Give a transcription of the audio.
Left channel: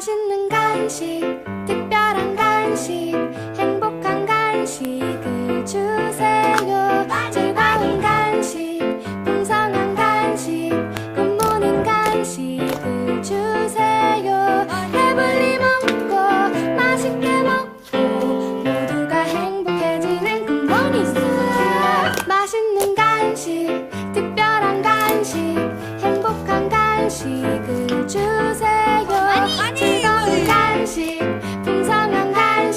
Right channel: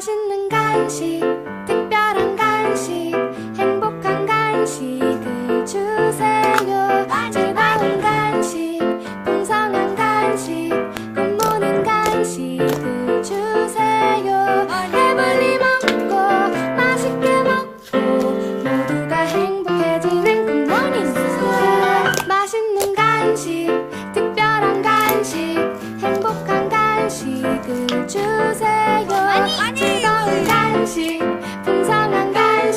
맛있는 간식, 특별한 간식, 행복한 간식을 주세요. 즐거운 간식, 풍성한 간식, 굿모닝 간식을 주세요. 배불리 먹고, 맛있게 먹고, 모두가 행복해지는 굿모닝. 맛있는 간식, 특별한 간식, 행복한 간식을 주세요.